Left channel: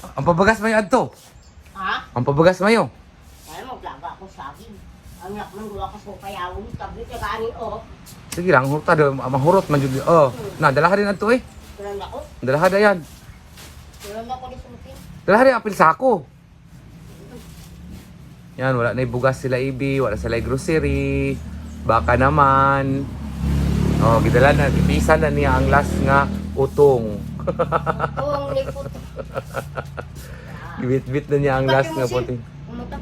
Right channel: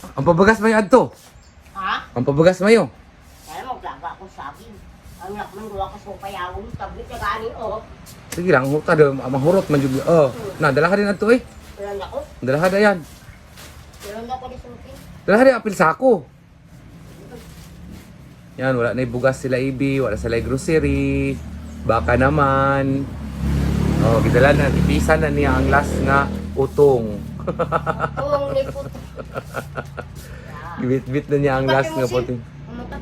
Ang pabagas mayo adto. Ha? Ang pabagas mayo. Kaya maglaga ako sa akin. Ang lakman ko ako sa payawang tablet na gani o. Sige lang, huta do mahurot man jud. Oh, na dala ka din adto eh. Kailan ako? Dala ka dayan. Kailan ako ni Suki? Dala ka din apil sako. Yan, wala na bugas sila ibi, wala sila grocery. Baka naman. Oh, bidala na. Isa na niya ang last na utong. Kung likot. Bit-bit na niya ang last na puting. Ano ka?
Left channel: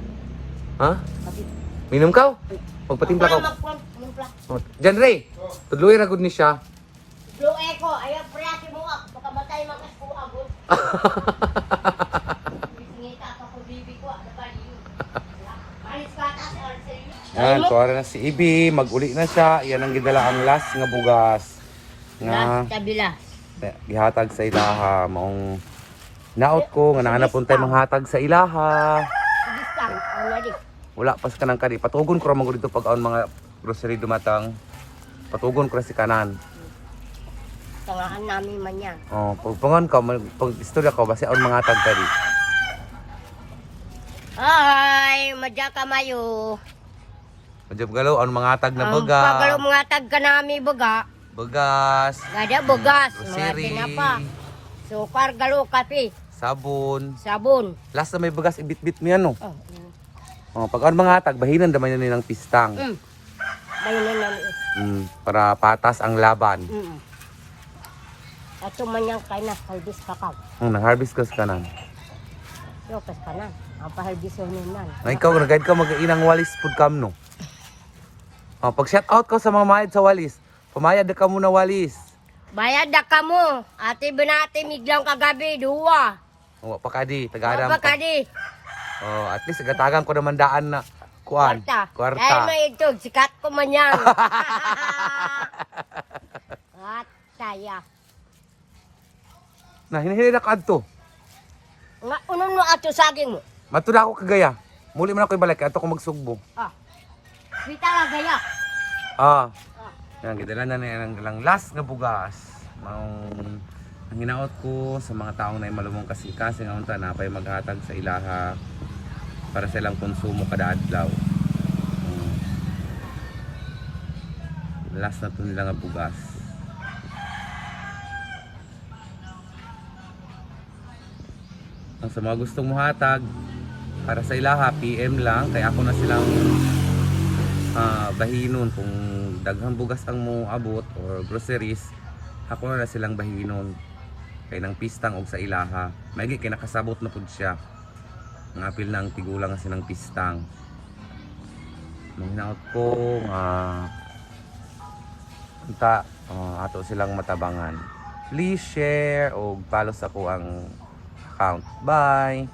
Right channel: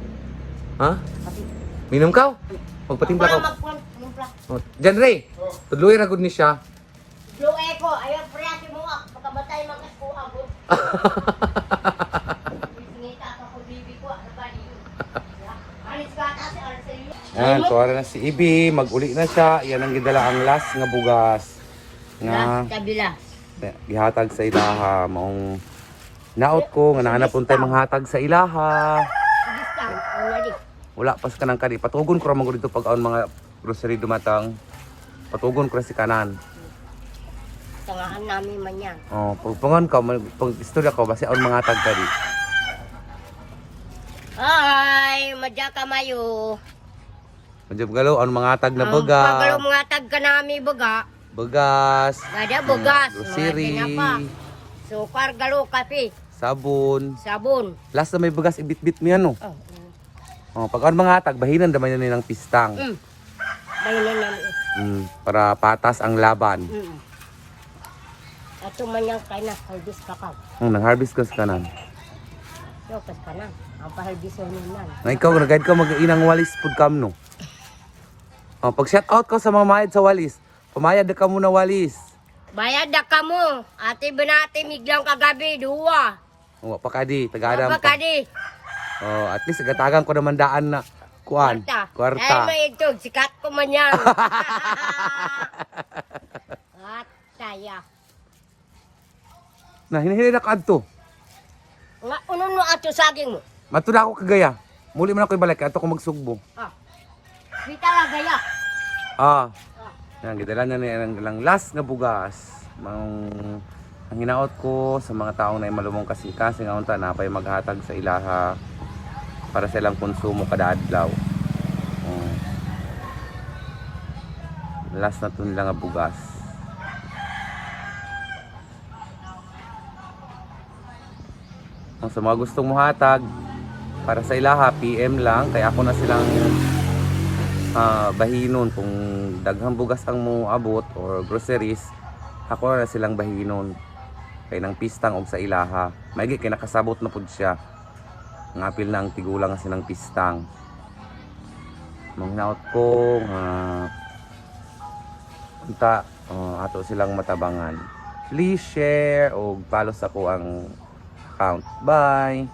Ha? Minom ka? Magpatimpla ka. Oh, Jan Ray, tudloy ra gud ni siya. Blue Echo, ayaw priyati mo nga. Pagkamatay magkaskuha mo. Ayan, kuwara na si Ibi, mag-uli na siya. Yan ang gidala ang last nga bugas. Last kabila. Gihatag sa ilang maong naot ko, nga naanapunta mahatag sa ilaha. Discount already. Wala pa sa kanang kani. Patugon ko ra mo dito pag ang mga grocery dumatang. Patugon ko ra si kanan. Tangahan namin man yan. Oh, pagtungon ka, pag-istorya ko, basi ang mga tag kani. Ay, madya ka mayo. Medyo galo, ang mga tag na Ang buga. pagalo mga tag ka namin baga. Bugas. Gada bugas. Mga Grocery. tinapa. Sukar, galo, kape, Sabon. sabon. Last na may bugas, ibit-bit mo yan, no? Oh, Oh, pag ang mga tag, bahinan naman yan nilang pistang. Bayanan namin. Para patas ang laban. Ito man yung kay na, halbis kakao. Nang-harvest ka sa kanan. Yokas ka na. Ang pahalbis yun man. Na ikaw, nag-guide ko mag-iinang walis food cam, no? Oh, pag shout out ko sa mamayad sa walis, kumayad na ka muna walis. Bayad na ka mo. Ate binati miglang kagabi, duwa. Nga pa ka di, tagadang. Mapa ka di. Oh, at least nagatagan ko naman daan na kuan. Kwarta. Dahil maitog, sikat ko man yan. At kaya. Na hinahili na ka adto. Nga, unong no ato saging mo. Mato na ako kagaya. Muli man ako ibalik, ato ko magsugbo. Ah. Sita lang gaya. Ah. Yan, gidala na niya ng last nga bugas. Ang hinaot ko sa mga taong na malumong kasing-kasing ang unta na pay maghatag sa ilaha para sa ilang konsumo kada adlaw. Last na to nila nga bugas. Ang sa mga gustong muhatag para sa ilaha, PM lang kaya ako na silang bahinon kung daghang bugas ang mo abot or groceries, ako na silang bahinon kay nang pistang og sa ilaha. Maigi kay nakasabot na pud siya. Ang apil na ang tigulang nga silang pistang. Manghinaot ko ato silang matabangan. Please share o follow sa ko ang account. Bye!